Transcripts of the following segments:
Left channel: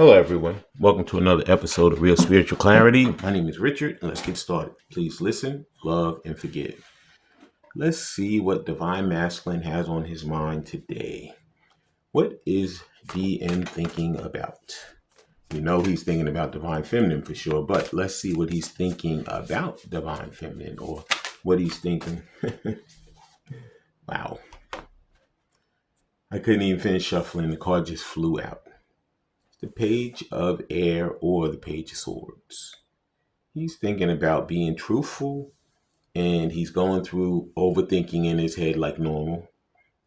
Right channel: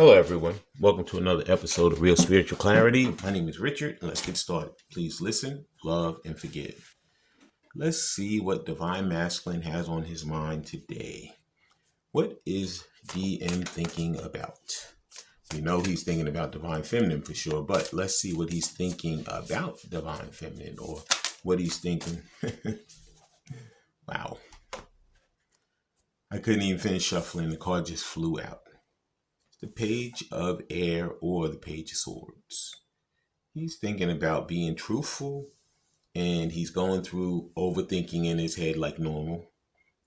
Hello, everyone. Welcome to another episode of Real Spiritual Clarity. My name is Richard, and let's get started. Please listen, love, and forgive. Let's see what Divine Masculine has on his mind today. What is DM thinking about? You know he's thinking about Divine Feminine for sure, but let's see what he's thinking about Divine Feminine, or what he's thinking. Wow. I couldn't even finish shuffling. The card just flew out. The Page of Air or the Page of Swords. He's thinking about being truthful, and he's going through overthinking in his head like normal,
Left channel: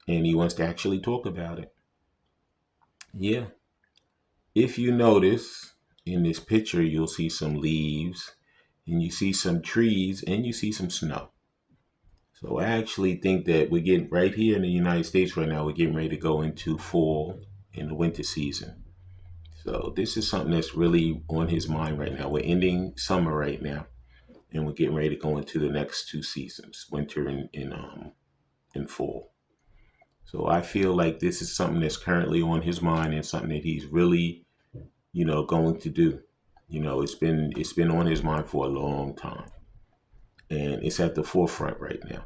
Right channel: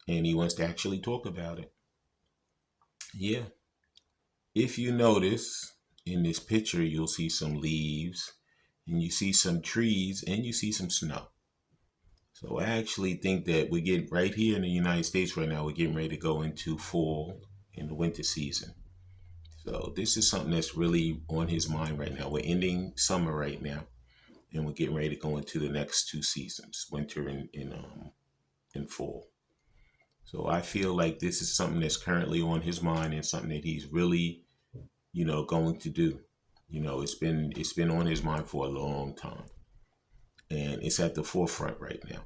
and he wants to actually talk about it. Yeah. If you notice in this picture, you'll see some leaves, and you see some trees, and you see some snow. So I actually think that we're getting right here in the United States right now, we're getting ready to go into fall and the winter season. So this is something that's really on his mind right now. We're ending summer right now, and we're getting ready to go into the next two seasons, winter and fall. So I feel like this is something that's currently on his mind and something that he's really, going to do. It's been on his mind for a long time, and it's at the forefront right now.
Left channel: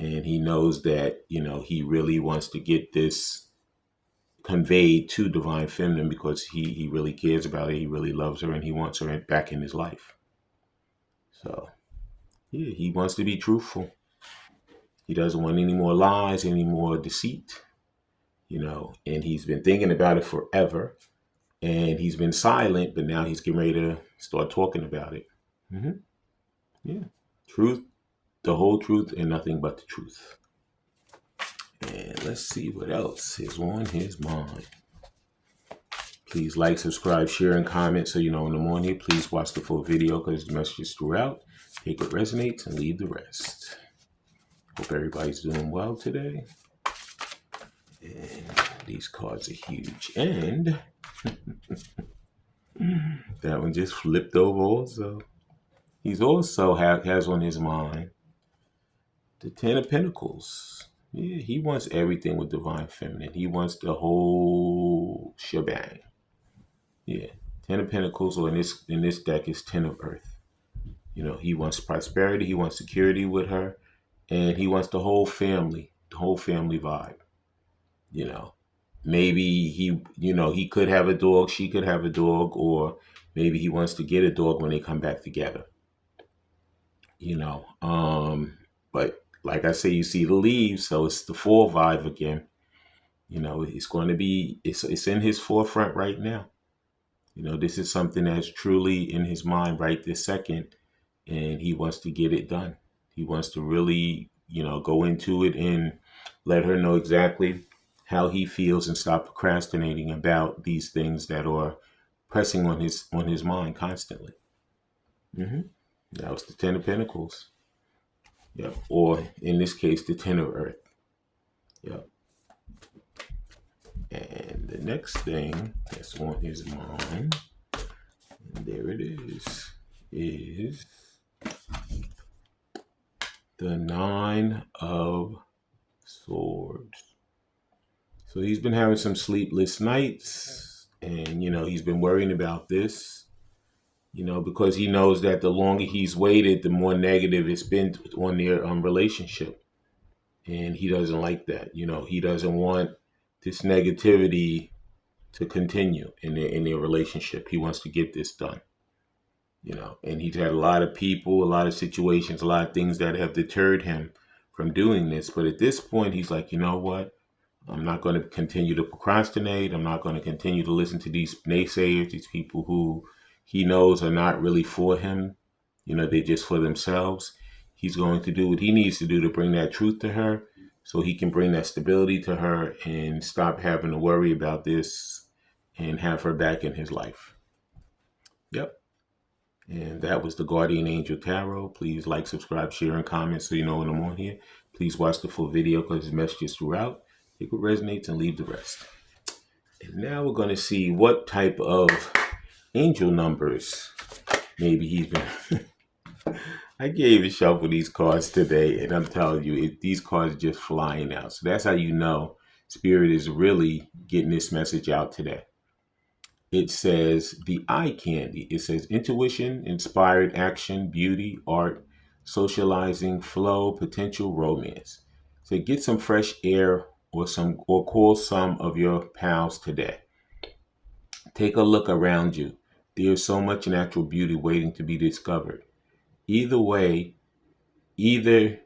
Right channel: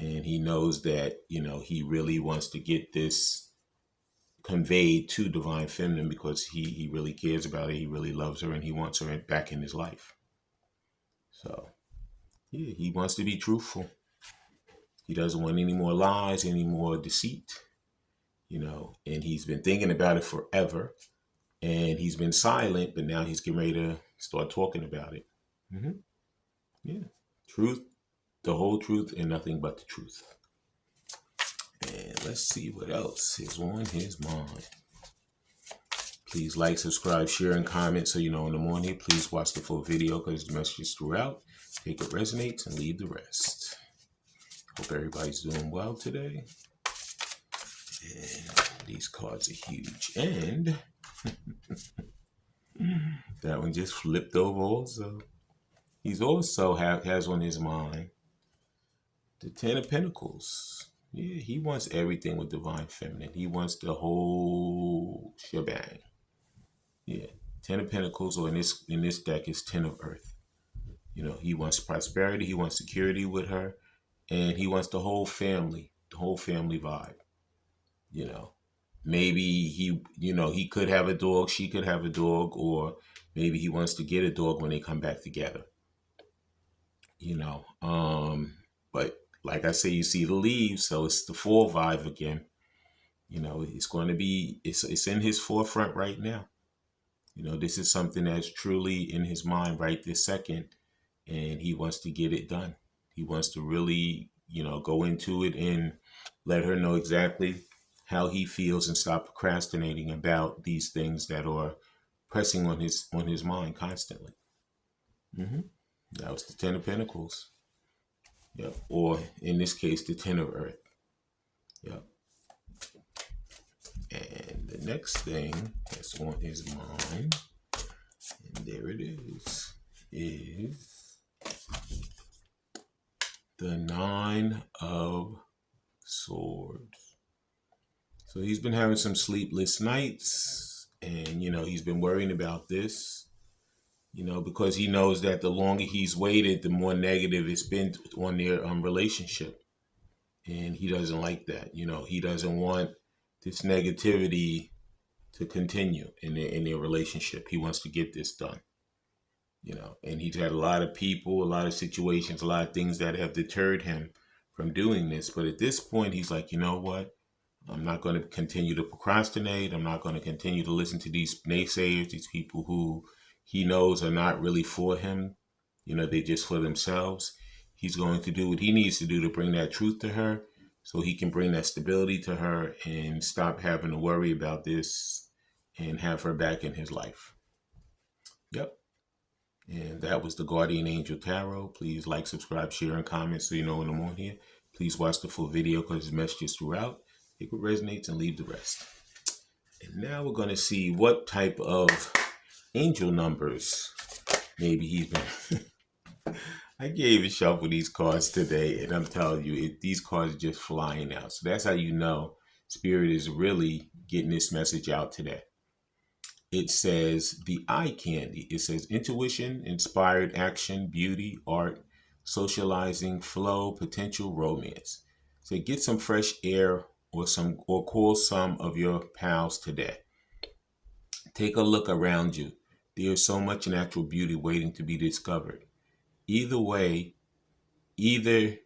And he knows that, he really wants to get this conveyed to Divine Feminine because he really cares about her, he really loves her, and he wants her back in his life. So, yeah, he wants to be truthful. He doesn't want any more lies, any more deceit, and he's been thinking about it forever, and he's been silent, but now he's getting ready to start talking about it. Yeah, truth, the whole truth, and nothing but the truth. And let's see what else is on his mind. Please like, subscribe, share, and comment so you know when I'm on here. Please watch the full video because the message is throughout. Take what resonates and leave the rest. Hope everybody's doing well today. And these cards are huge. And that one just flipped over also. He's also has on his mind the Ten of Pentacles. Yeah, he wants everything with Divine Feminine. He wants the whole shebang. Yeah, Ten of Pentacles, or in this deck is Ten of Earth. He wants prosperity, he wants security with her, and he wants the whole family vibe. Maybe he could have a dog, she could have a dog, or maybe he wants to get a dog when they come back together. But like I say, you see the leaves, so it's the fall vibe again. It's going to be, it's in his forefront right now. This is something that's truly in his mind right this second, and he wants to get it done. He wants to really, go into it and let her know exactly how he feels and stop procrastinating about these things that are pressing on his mind constantly. That was the Ten of Pentacles. Yep. Or in this case, the Ten of Earth. Yep. And the next thing that's on his mind, and there it is the Nine of Swords. So he's been having some sleepless nights, and, he's been worrying about this, because he knows that the longer he's waited, the more negative it's been on their relationship. And he doesn't like that. He doesn't want this negativity to continue in their relationship. He wants to get this done. And he's had a lot of people, a lot of situations, a lot of things that have deterred him from doing this. But at this point, he's like, you know what? I'm not going to continue to procrastinate. I'm not going to continue to listen to these naysayers, these people who he knows are not really for him. They're just for themselves. He's going to do what he needs to do to bring that truth to her, so he can bring that stability to her and stop having to worry about this and have her back in his life. Yep. And that was the Guardian Angel Tarot. Please like, subscribe, share, and comment so you know when I'm on here. Please watch the full video because the message is throughout. Take what resonates and leave the rest. And now we're going to see what type of angel numbers maybe he's been... I gave a shuffle these cards today, and I'm telling you, these cards are just flying out. So that's how you know Spirit is really getting this message out today. it says the eye candy. It says intuition, inspired action, beauty, art, socializing, flow, potential, romance. So get some fresh air or call some of your pals today. Take a look around you. There's so much natural beauty waiting to be discovered. Either way, either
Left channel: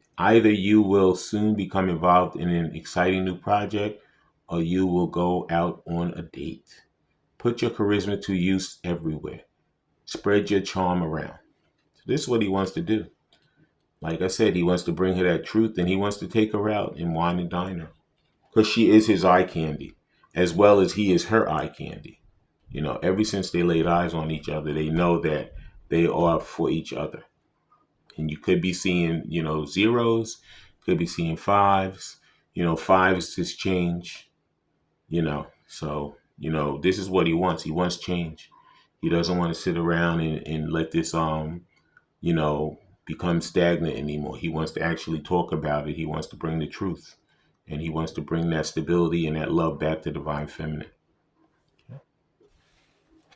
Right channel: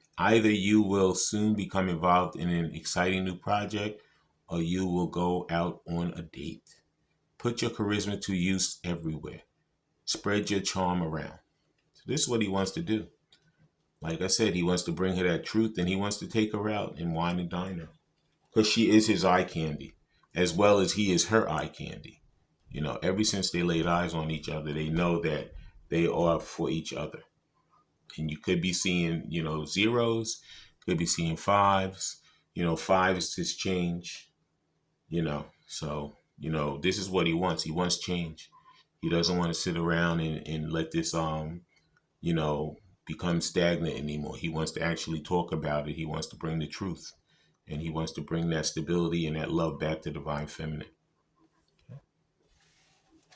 you will soon become involved in an exciting new project or you will go out on a date. Put your charisma to use everywhere. Spread your charm around. So this is what he wants to do. Like I said, he wants to bring her that truth and he wants to take her out and wine and dine her. Because she is his eye candy, as well as he is her eye candy. You know, ever since they laid eyes on each other, they know that they are for each other. And you could be seeing, you know, 0's, could be seeing 5's. You know, 5's is change, you know. So, you know, this is what he wants. He wants change. He doesn't want to sit around and let this, you know, become stagnant anymore. He wants to actually talk about it. He wants to bring the truth. And he wants to bring that stability and that love back to divine feminine.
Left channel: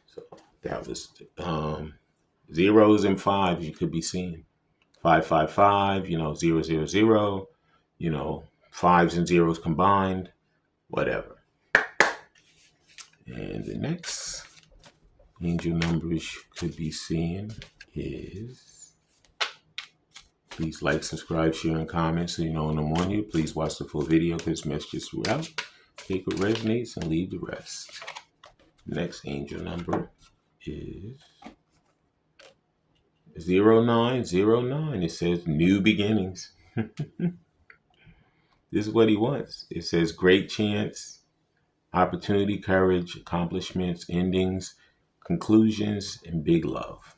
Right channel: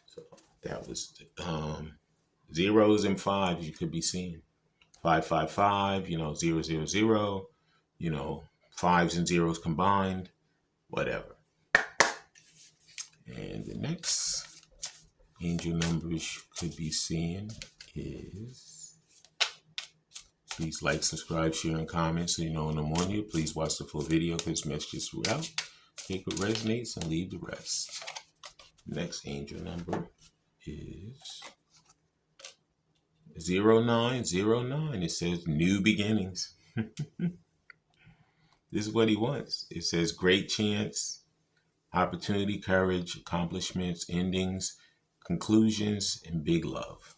So that was 0's and 5's you could be seeing. 555, you know, 000, you know, 5's and 0's combined, whatever. And the next angel numbers you could be seeing is, please like, subscribe, share, and comment so you know when I'm on here. Please watch the full video because messages throughout. Take what resonates and leave the rest. Next angel number is 0909. It says new beginnings. This is what he wants. It says great chance, opportunity, courage, accomplishments, endings, conclusions, and big love.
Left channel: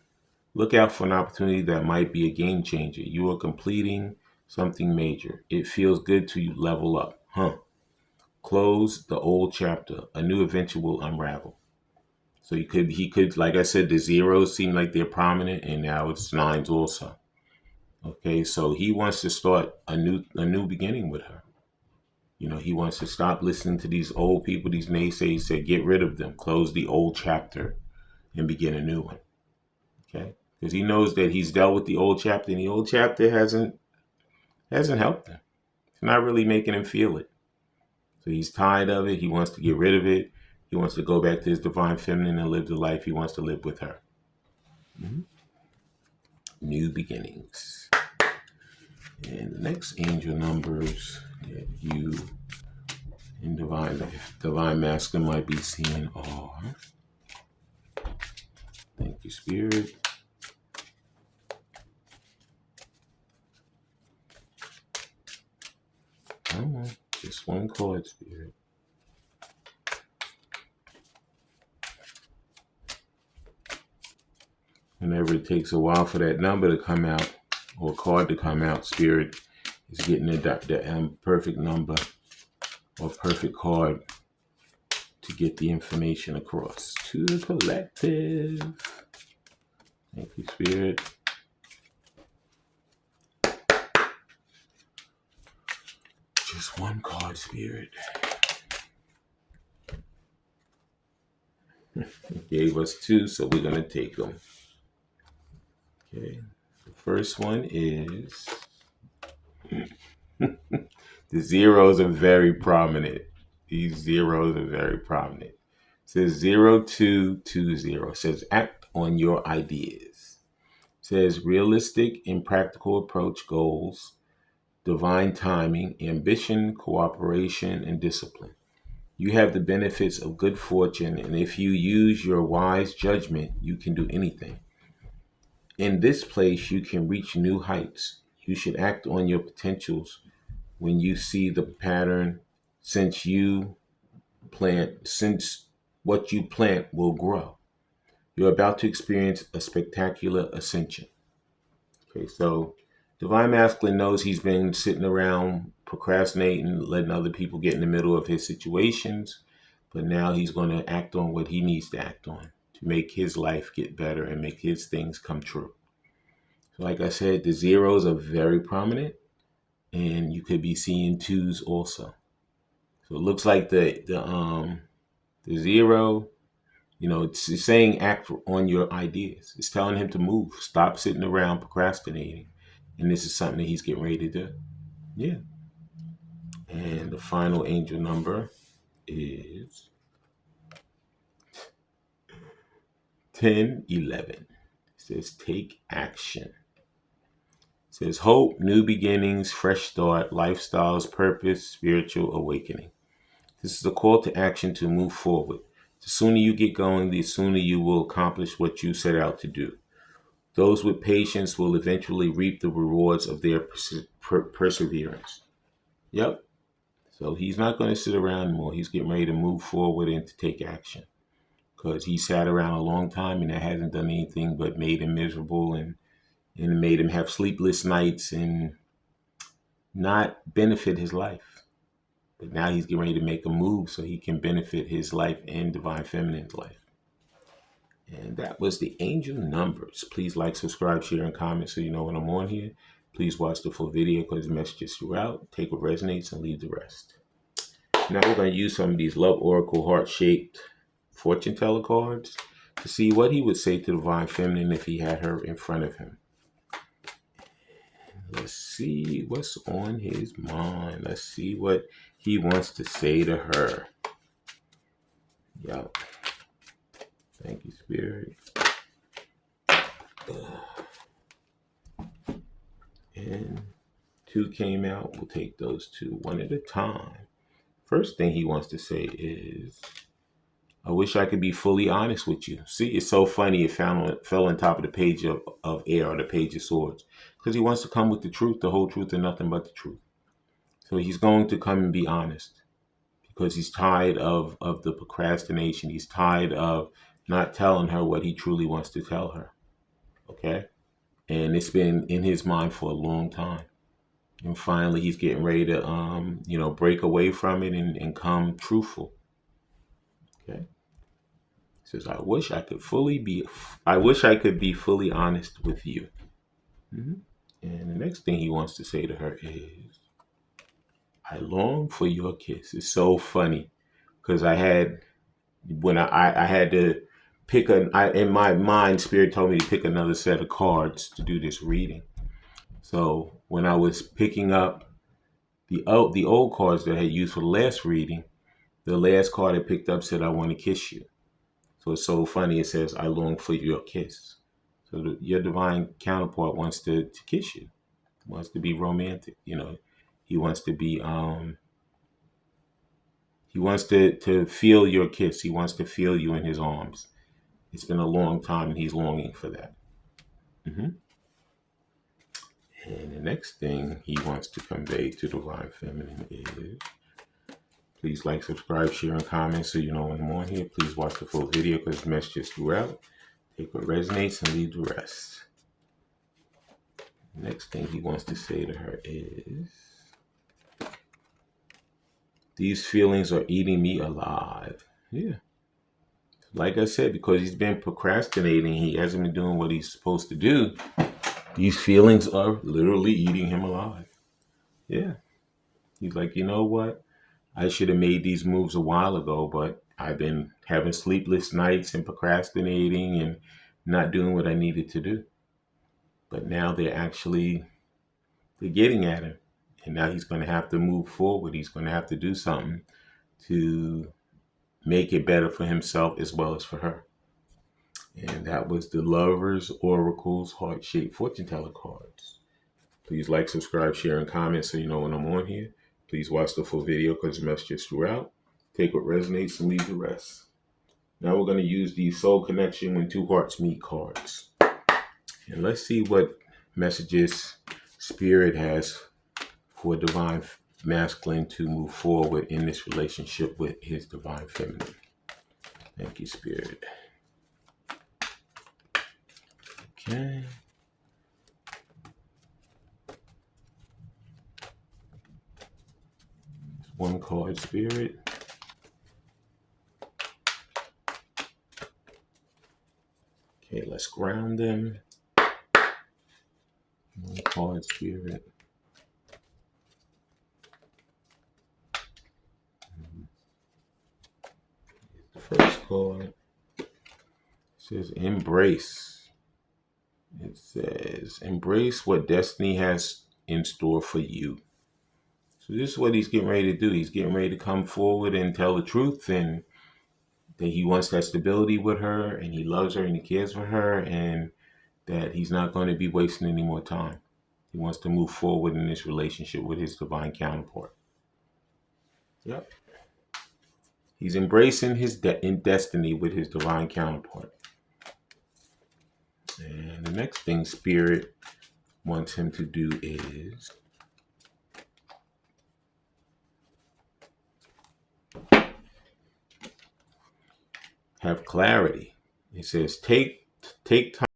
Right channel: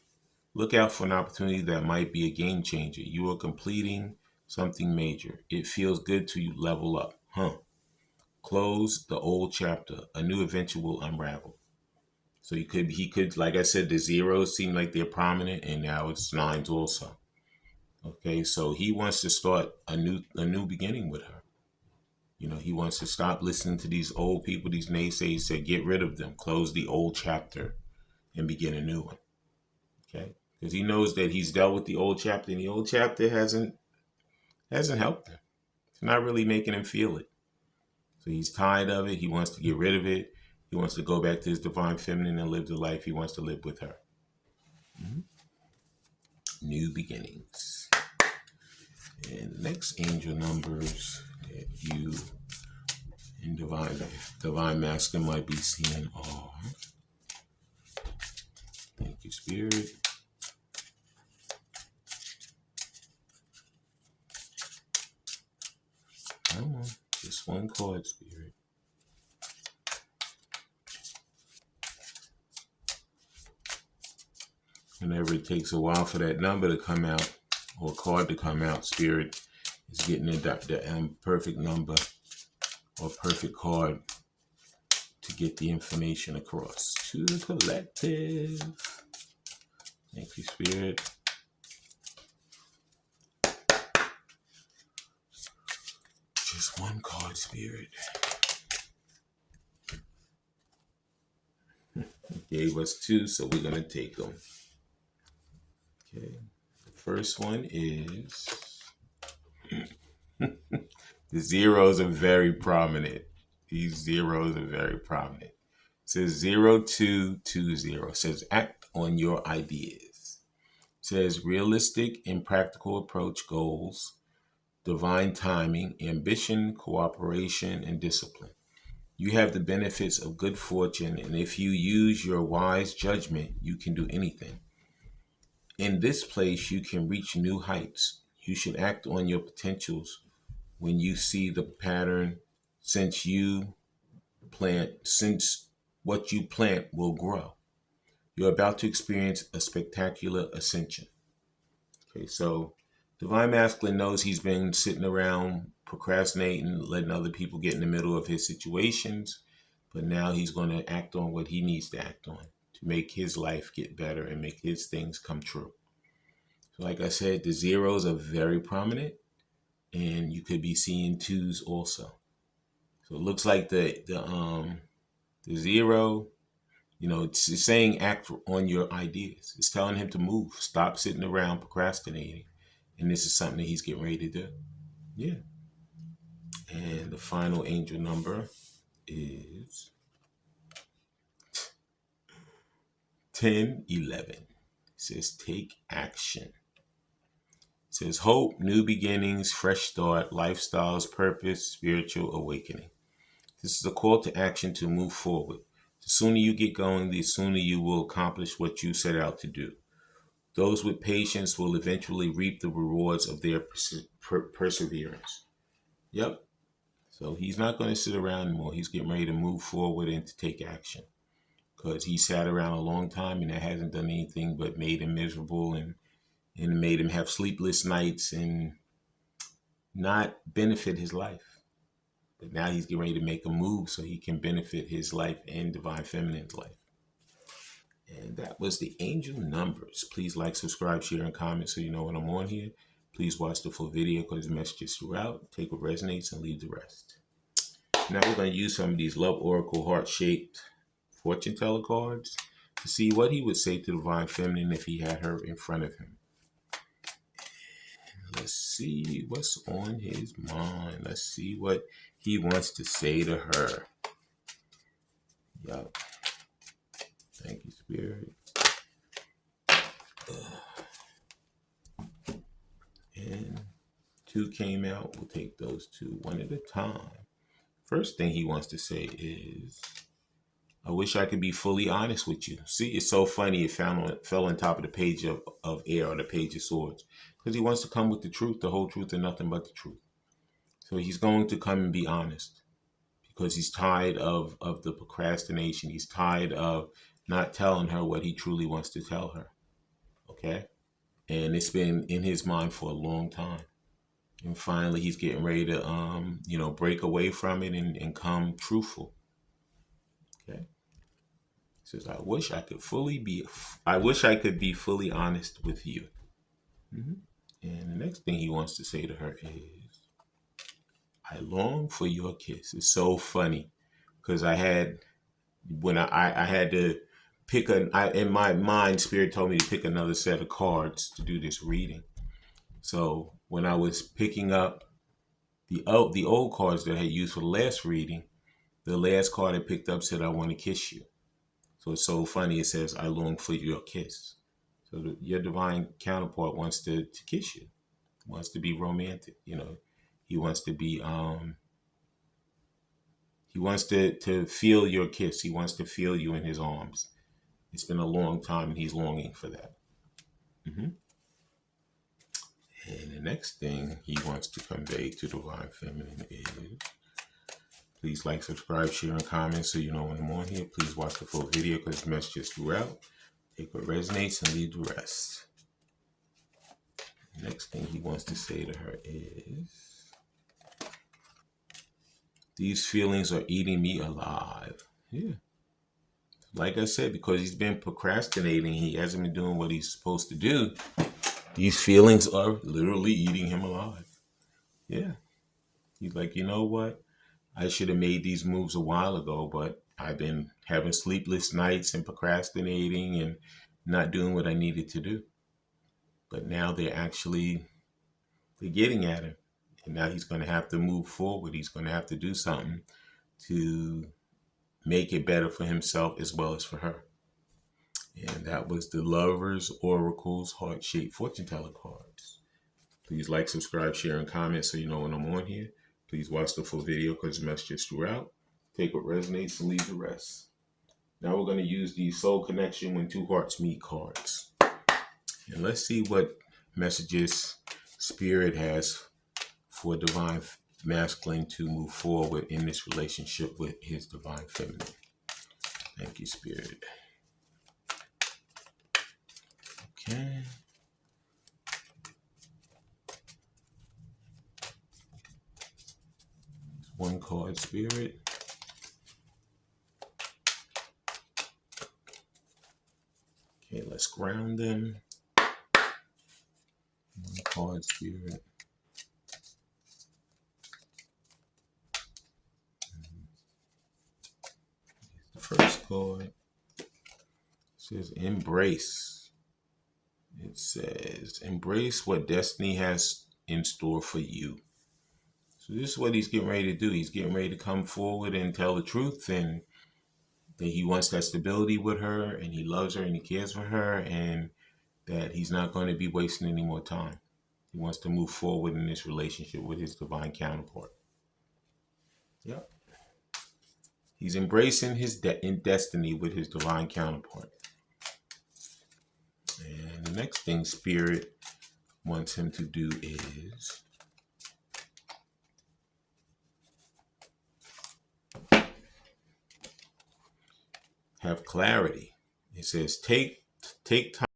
Look out for an opportunity that might be a game changer. You are completing something major. It feels good to level up. Close the old chapter. A new adventure will unravel. So he could, like I said, the 0's seem like they're prominent, and now it's 9's also. Okay, so he wants to start a new beginning with her. You know, he wants to stop listening to these old people, these naysayers, say get rid of them, close the old chapter, and begin a new one. Okay, because he knows that he's dealt with the old chapter, and the old chapter hasn't helped him. It's not really making him feel it. So he's tired of it. He wants to get rid of it. He wants to go back to his divine feminine and live the life he wants to live with her. New beginnings. And the next angel numbers that you in divine masculine might be seeing are, thank you, Spirit. Come on, just one card, Spirit. Whenever it takes a while for that number to come out or card to come out, Spirit is getting the perfect number or perfect card to get the information across to the collective. Thank you, Spirit. Just one card, Spirit. It gave us 2, so we're going to take them. Okay, the first one is the 0's are very prominent. These 0's are very prominent. It says 0220. It says act on your ideas. It says realistic and practical approach goals, divine timing, ambition, cooperation, and discipline. You have the benefits of good fortune, and if you use your wise judgment, you can do anything. In this place, you can reach new heights. You should act on your potentials when you see the pattern, since what you plant will grow. You're about to experience a spectacular ascension. Okay, so divine masculine knows he's been sitting around procrastinating, letting other people get in the middle of his situations, but now he's going to act on what he needs to act on to make his life get better and make his things come true. So like I said, the 0's are very prominent, and you could be seeing 2's also. So it looks like the 0 You know, it's saying act on your ideas. It's telling him to move. Stop sitting around procrastinating. And this is something that he's getting ready to do. Yeah. And the final angel number is 1011. It says take action. It says hope, new beginnings, fresh start, lifestyles, purpose, spiritual awakening. This is a call to action to move forward. The sooner you get going, the sooner you will accomplish what you set out to do. Those with patience will eventually reap the rewards of their perseverance. Yep. So he's not going to sit around anymore. He's getting ready to move forward and to take action. Because he sat around a long time and that hasn't done anything but made him miserable and made him have sleepless nights and not benefit his life. But now he's getting ready to make a move so he can benefit his life and Divine Feminine's life. And that was the angel numbers. Please like, subscribe, share, and comment so you know when I'm on here. Please watch the full video because the messages throughout. Take what resonates and leave the rest. Now we're going to use some of these Love Oracle heart-shaped fortune teller cards to see what he would say to Divine Feminine if he had her in front of him. Let's see what's on his mind. Let's see what he wants to say to her. Yup. Thank you, Spirit. And 2 came out. We'll take those 2 one at a time. First thing he wants to say is, I wish I could be fully honest with you. See, it's so funny it fell on top of the page of air or the page of swords. Because he wants to come with the truth, the whole truth, and nothing but the truth. So he's going to come and be honest. Because he's tired of the procrastination. He's tired of not telling her what he truly wants to tell her. Okay? And it's been in his mind for a long time. And finally he's getting ready to break away from it and come truthful. Okay? He says, I wish I could be fully honest with you. Mm-hmm. And the next thing he wants to say to her is, I long for your kiss. It's so funny because I had to pick in my mind, Spirit told me to pick another set of cards to do this reading. So when I was picking up the old cards that I had used for the last reading, the last card I picked up said, I want to kiss you. So it's so funny. It says, I long for your kiss. So your divine counterpart wants to kiss you, wants to be romantic. You know, he wants to be, he wants to feel your kiss. He wants to feel you in his arms. It's been a long time and he's longing for that. Mm-hmm. And the next thing he wants to convey to Divine Feminine is, please like, subscribe, share, and comment so you know when I'm on here. Please watch the full video because the messages throughout. Take what resonates and leave the rest. The next thing he wants to say to her is, these feelings are eating me alive. Yeah. Like I said, because he's been procrastinating, he hasn't been doing what he's supposed to do. These feelings are literally eating him alive. Yeah. He's like, you know what? I should have made these moves a while ago, but I've been having sleepless nights and procrastinating and not doing what I needed to do. But now they're getting at him. And now he's going to have to move forward. He's going to have to do something to make it better for himself as well as for her. And that was the Lovers Oracle's heart-shaped fortune teller cards. Please like, subscribe, share, and comment so you know when I'm on here. Please watch the full video because the messages throughout. Take what resonates and leave the rest. Now we're going to use the Soul Connection When Two Hearts Meet cards. And let's see what messages Spirit has for Divine Masculine to move forward in this relationship with his Divine Feminine. Thank you, Spirit. Okay. One card, Spirit. Okay, let's ground them. One card, Spirit. The first card. says embrace. It says embrace what destiny has in store for you. So this is what he's getting ready to do. He's getting ready to come forward and tell the truth, and that he wants that stability with her, and he loves her, and he cares for her, and that he's not going to be wasting any more time. He wants to move forward in this relationship with his divine counterpart. Yep. He's embracing his destiny with his divine counterpart. And the next thing Spirit wants him to do is have clarity. It says take time